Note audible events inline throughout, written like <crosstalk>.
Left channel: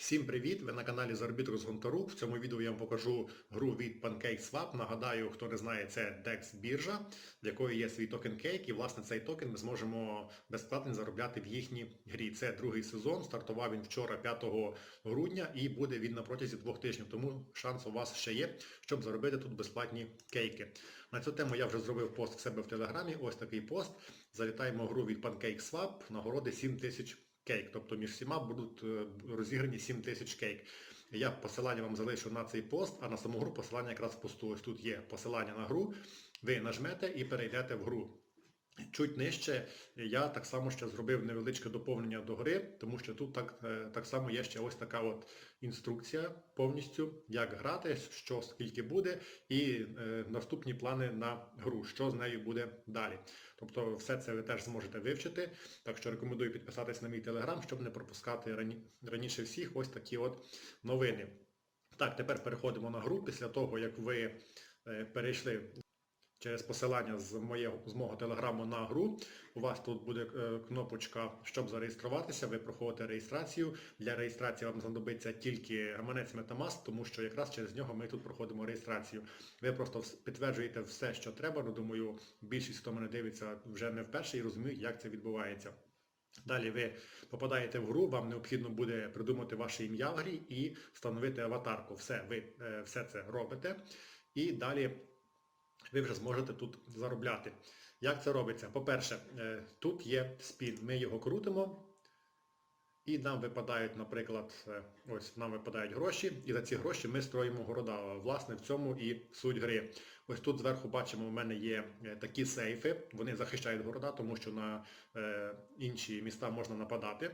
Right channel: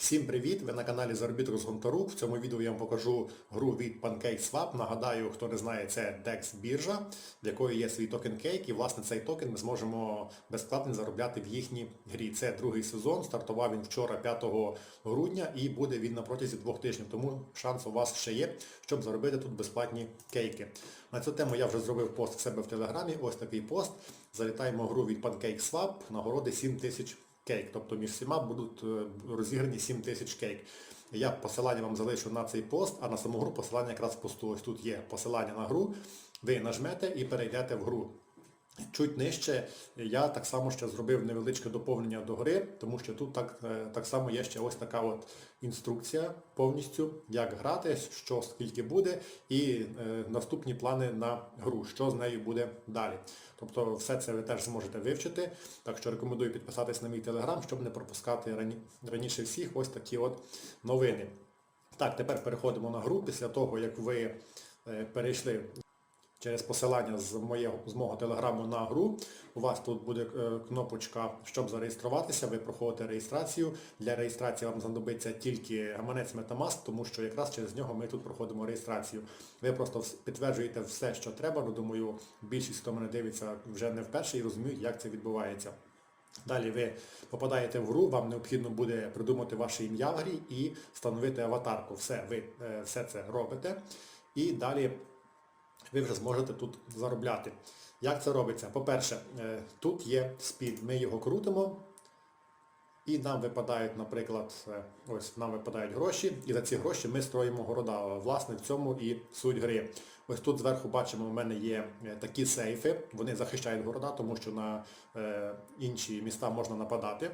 Всім привіт! Ви на каналі Заробіток з Гонтарук. В цьому відео я вам покажу гру від PancakeSwap. Нагадаю, хто не знає, це DEX біржа, в якої є свій токен Cake, і власне цей токен ми зможемо безплатно заробляти в їхній грі. Це другий сезон, стартував він вчора 5 грудня і буде він на протязі двох тижнів, тому шанс у вас ще є, щоб заробити тут безплатні кейки. На цю тему я вже зробив пост в себе в Телеграмі, ось такий пост. Залітаємо в гру від PancakeSwap, нагороди 7 тисяч кейк. Тобто між всіма будуть е, розіграні 7 тисяч кейк. Я посилання вам залишу на цей пост, а на саму гру посилання якраз посту. Ось тут є посилання на гру. Ви нажмете і перейдете в гру. Чуть нижче я так само ще зробив невеличке доповнення до гри, тому що тут так, е, так само є ще ось така от інструкція повністю, як грати, що скільки буде, і е, наступні плани на гру, що з нею буде далі. Тобто все це ви теж зможете вивчити. Так що рекомендую підписатись на мій телеграм, щоб не пропускати рані, раніше всіх ось такі от новини. Так, тепер переходимо на гру після того, як ви е, перейшли через посилання з моєго, з мого телеграму на гру. У вас тут буде е, кнопочка, щоб зареєструватися, ви проходите реєстрацію. Для реєстрації вам знадобиться тільки гаманець Metamask, тому що якраз через нього ми тут проходимо реєстрацію. Ви просто підтверджуєте все, що треба. Ну, думаю, більшість, хто мене дивиться, вже не вперше і розуміють, як це відбувається. Далі ви попадаєте в гру, вам необхідно буде придумати ваше ім'я в грі і встановити аватарку. Все, ви е, все це робите. І далі ви вже зможете тут заробляти. Як це робиться? По-перше, е, тут є спін, ми його крутимо, і нам випадають, наприклад, е, ось нам випадають гроші, і за ці гроші ми строїмо города. Власне, в цьому і суть гри. Ось тут зверху бачимо, у мене є е, такі сейфи, вони захищають города, тому що на інші міста можна нападати.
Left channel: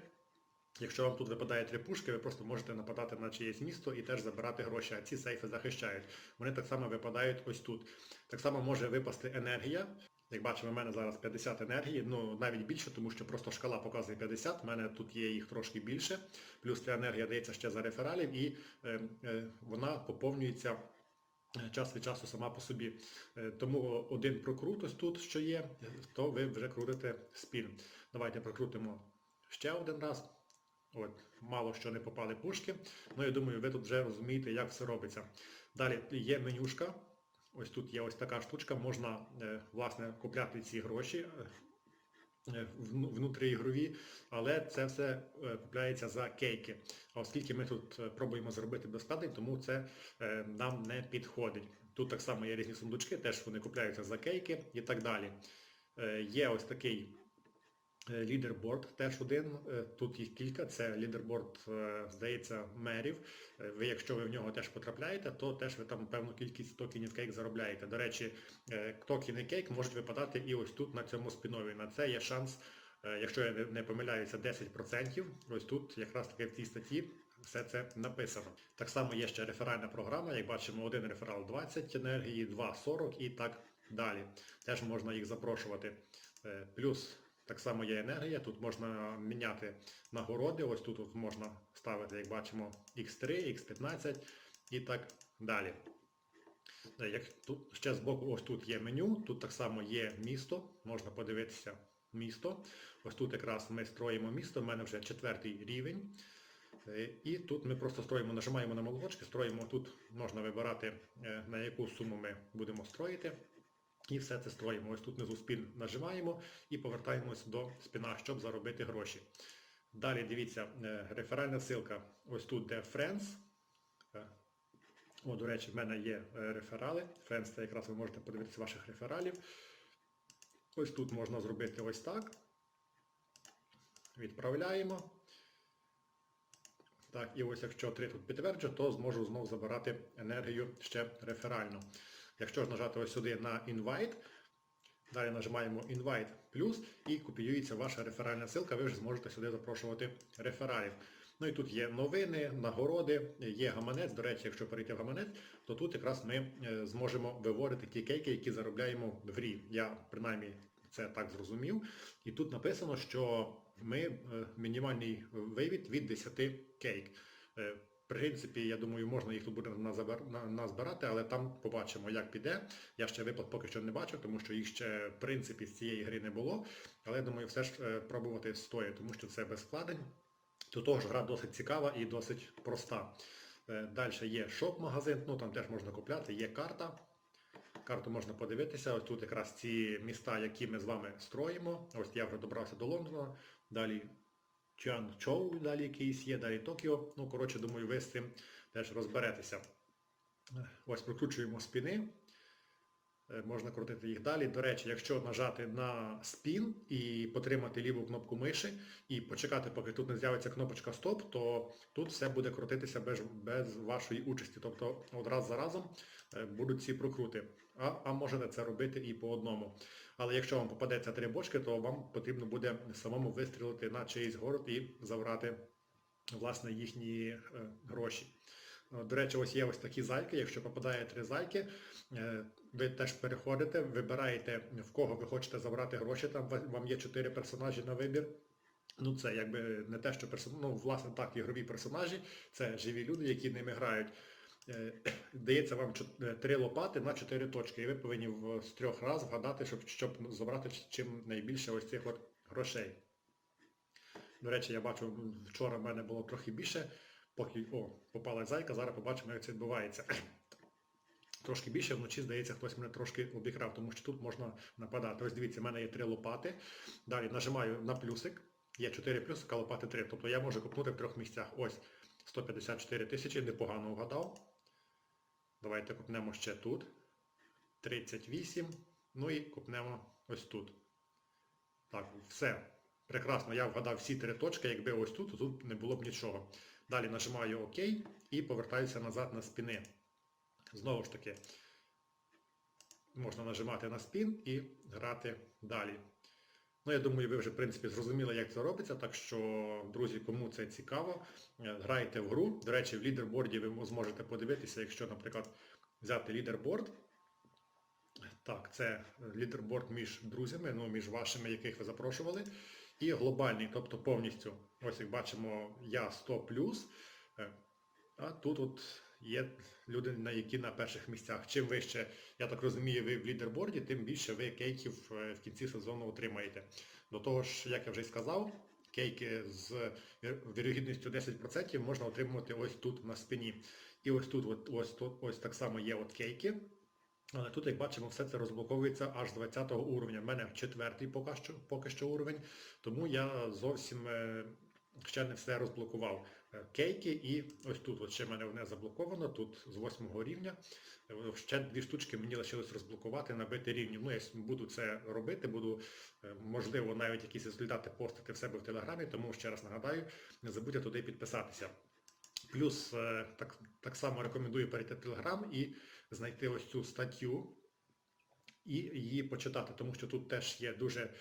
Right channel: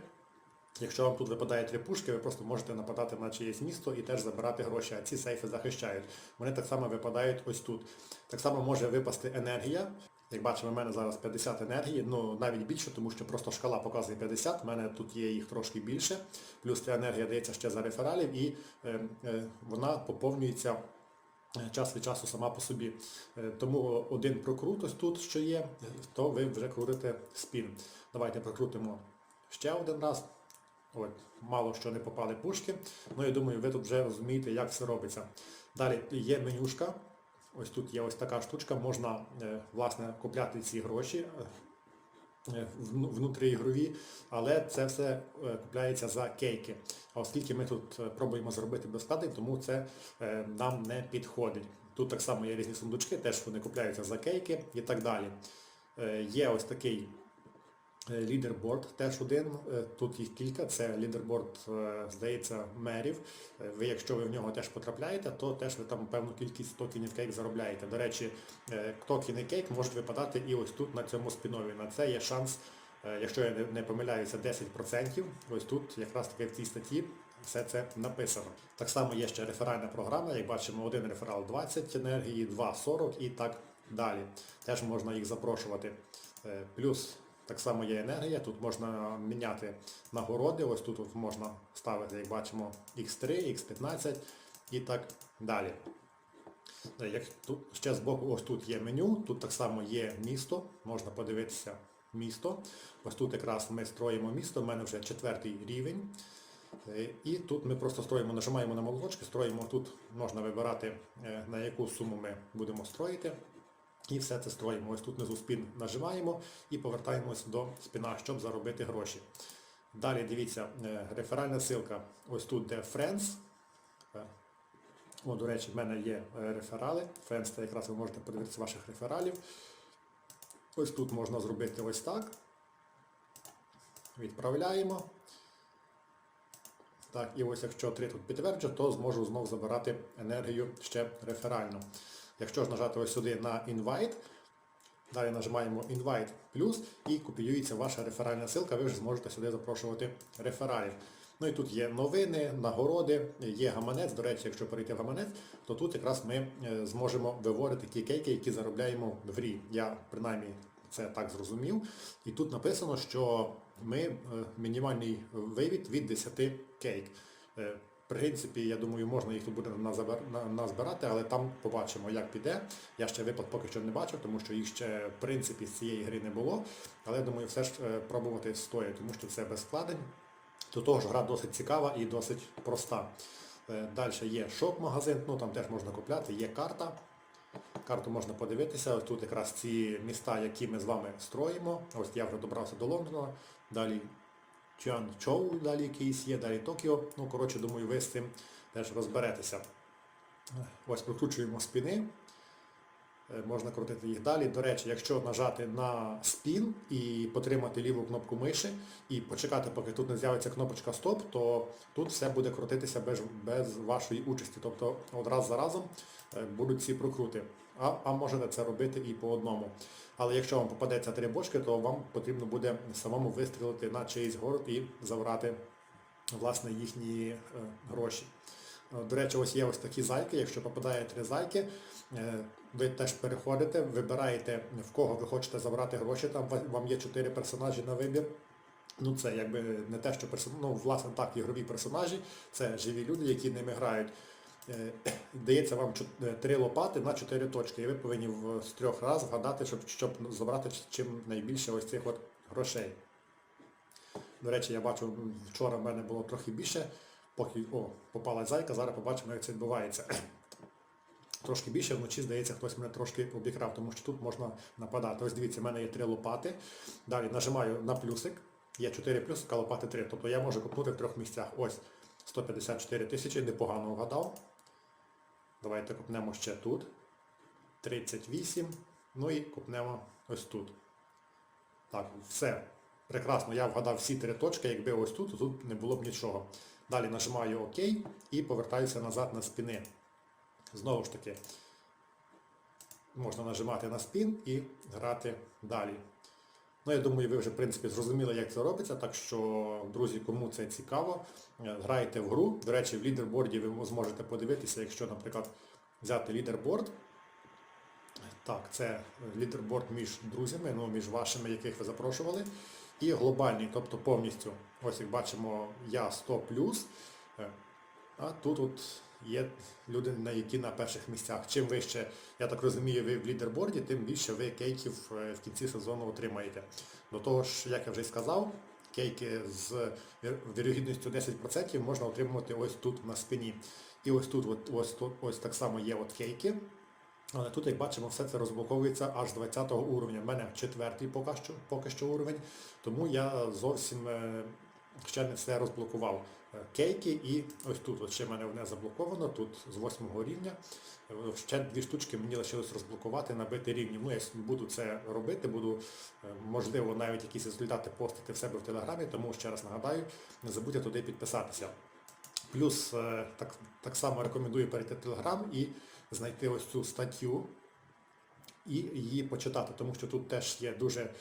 Якщо вам тут випадає три пушки, ви просто можете нападати на чиєсь місто і теж забирати гроші, а ці сейфи захищають. Вони так само випадають ось тут. Так само може випасти енергія. Як бачимо, в мене зараз 50 енергії, ну навіть більше, тому що просто шкала показує 50, в мене тут є їх трошки більше. Плюс ця енергія дається ще за рефералів і е, е, вона поповнюється е, час від часу сама по собі. Е, Тому один прокрут ось тут, що є, то ви вже крутите спін. Давайте прокрутимо ще один раз. От, мало що не попали пушки. Ну я думаю, ви тут вже розумієте, як все робиться. Далі є менюшка. Ось тут є ось така штучка, можна е, власне купляти ці гроші е, внутріігрові, але це все е, купляється за кейки. А оскільки ми тут е, пробуємо зробити безплатний, тому це е, нам не підходить. Тут так само є різні сундучки, теж вони купляються за кейки і так далі. Е, Є ось такий Е, Лідерборд теж один, е, тут їх кілька, це лідерборд, е, здається, мерів. Е, Ви, якщо ви в нього теж потрапляєте, то теж ви там певну кількість токенів кейк заробляєте. До речі, е, токени кейк можуть випадати і ось тут на цьому спінові. На це є шанс, е, якщо я не- помиляюся, 10%. Ось тут якраз таки в цій статті все це написано. Так само є ще реферальна програма, як бачимо, один реферал 20 енергії, два 40 і так далі. Теж можна їх запрошувати. Е, Плюс так само є енергія, тут можна міняти нагороди, ось тут от можна ставити, як бачимо, X3, X15 і так далі. Е, Як тут ще з боку, ось тут є меню, тут так само є місто, можна подивитися місто. Ось тут якраз ми строїмо місто, в мене вже четвертий рівень. Е, І тут ми просто строїмо, нажимаємо на молоточки, строїмо тут, можна вибирати е, на яку суму ми будемо строїти. І все це строїмо. Ось тут внизу спін нажимаємо і повертаємось до спіна, щоб заробити гроші. Далі дивіться, е, реферальна ссылка. Ось тут де Friends. Е, О, до речі, в мене є е, реферали. Friends це якраз ви можете подивитися ваших рефералів. Ось тут можна зробити ось так. Відправляємо. Так, і ось якщо 3 тут підтверджу, то зможу знову забирати енергію ще реферально. Якщо ж нажати ось сюди на Invite, далі нажимаємо Invite плюс і копіюється ваша реферальна ссылка, ви вже зможете сюди запрошувати рефералів. Ну і тут є новини, нагороди, є гаманець. До речі, якщо перейти в гаманець, то тут якраз ми е, зможемо виводити ті кейки, які заробляємо в грі. Я принаймні це так зрозумів. І тут написано, що ми е, мінімальний вивід від 10 кейк. Е, принципі, я думаю, можна їх тут буде назбирати, але там побачимо, як піде. Я ще виплат поки що не бачив, тому що їх ще в принципі з цієї гри не було. Але думаю, все ж е, пробувати стоїть, тому що це без вкладень. До того ж, гра досить цікава і досить проста. Далі є шоп-магазин, ну там теж можна купляти, є карта. Карту можна подивитися. Ось тут якраз ці міста, які ми з вами строїмо. Ось я вже добрався до Лондона. Далі Чуанчоу, далі якийсь є, далі Токіо. Ну, коротше, думаю, ви з цим теж розберетеся. Ось прокручуємо спіни. Е, Можна крутити їх далі. До речі, якщо нажати на спін і потримати ліву кнопку миші і почекати, поки тут не з'явиться кнопочка Стоп, то тут все буде крутитися без, без вашої участі. Тобто от раз за разом е, будуть ці прокрути. А, а можете це робити і по одному. Але якщо вам попадеться три бочки, то вам потрібно буде самому вистрілити на чиїсь город і забрати власне їхні е, гроші. Е, До речі, ось є ось такі зайки. Якщо попадає три зайки, е, ви теж переходите, вибираєте в кого ви хочете забрати гроші. Там вам є чотири персонажі на вибір. Ну це якби не те, що персон... ну, власне так, ігрові персонажі, це живі люди, які ними грають. Е, <coughs> Дається вам три лопати на чотири точки, і ви повинні з трьох раз вгадати, щоб, щоб забрати чим найбільше ось цих от грошей. До речі, я бачу, вчора в мене було трохи більше, поки о, попала зайка, зараз побачимо, як це відбувається. Трошки більше, вночі, здається, хтось мене трошки обікрав, тому що тут можна нападати. Ось дивіться, в мене є три лопати. Далі нажимаю на плюсик, є 4 плюсика, лопати 3. Тобто я можу купнути в трьох місцях. Ось 154 тисячі, непогано вгадав. Давайте купнемо ще тут. 38. Ну і купнемо ось тут. Так, все. Прекрасно, я вгадав всі три точки, якби ось тут, то тут не було б нічого. Далі нажимаю ОК і повертаюся назад на спіни. Знову ж таки, можна нажимати на спін і грати далі. Ну, я думаю, ви вже, в принципі, зрозуміли, як це робиться, так що, друзі, кому це цікаво, е, грайте в гру. До речі, в лідерборді ви зможете подивитися, якщо, наприклад, взяти лідерборд. Так, це лідерборд між друзями, ну, між вашими, яких ви запрошували. І глобальний, тобто повністю. Ось як бачимо, я 100 е, а тут от є люди, на які на перших місцях. Чим вище, я так розумію, ви в лідерборді, тим більше ви кейків е, в кінці сезону отримаєте. До того ж, як я вже сказав, кейки з вірогідністю 10% можна отримувати ось тут на спині. І ось тут, от, ось ось так само є от кейки. Але тут, як бачимо, все це розблоковується аж з 20 уровня. У мене четвертий поки що, поки що уровень, тому я зовсім ще не все розблокував. Е, Кейки і ось тут, от ще в мене одне заблоковано, тут з 8 рівня. Е, Ще дві штучки мені лишилось розблокувати, набити рівні. Ну, я буду це робити, буду, е, можливо, навіть якісь результати постити в себе в Телеграмі, тому ще раз нагадаю, не забудьте туди підписатися. Плюс е, так, так само рекомендую перейти в Телеграм і знайти ось цю статтю і її почитати, тому що тут теж є дуже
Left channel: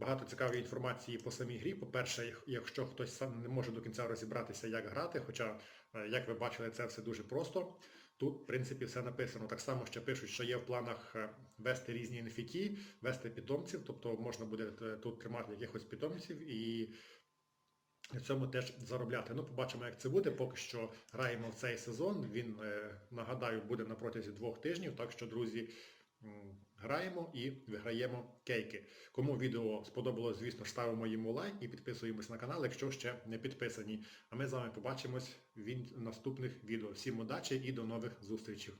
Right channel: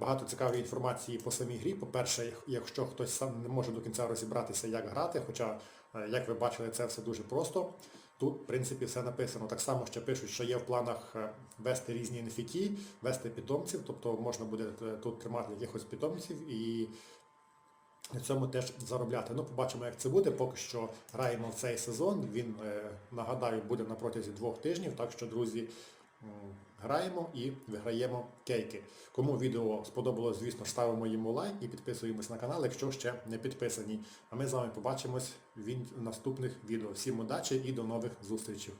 багато цікавої інформації по самій грі. По-перше, якщо хтось сам не може до кінця розібратися, як грати, хоча, е, як ви бачили, це все дуже просто. Тут, в принципі, все написано. Так само ще пишуть, що є в планах е, вести різні NFT, вести питомців, тобто можна буде тут тримати якихось питомців і на цьому теж заробляти. Ну, побачимо, як це буде. Поки що граємо в цей сезон. Він, е, нагадаю, буде на протязі двох тижнів. Так що, друзі, граємо і виграємо кейки. Кому відео сподобалось, звісно, ставимо йому лайк і підписуємось на канал, якщо ще не підписані. А ми з вами побачимось в наступних відео. Всім удачі і до нових зустрічей.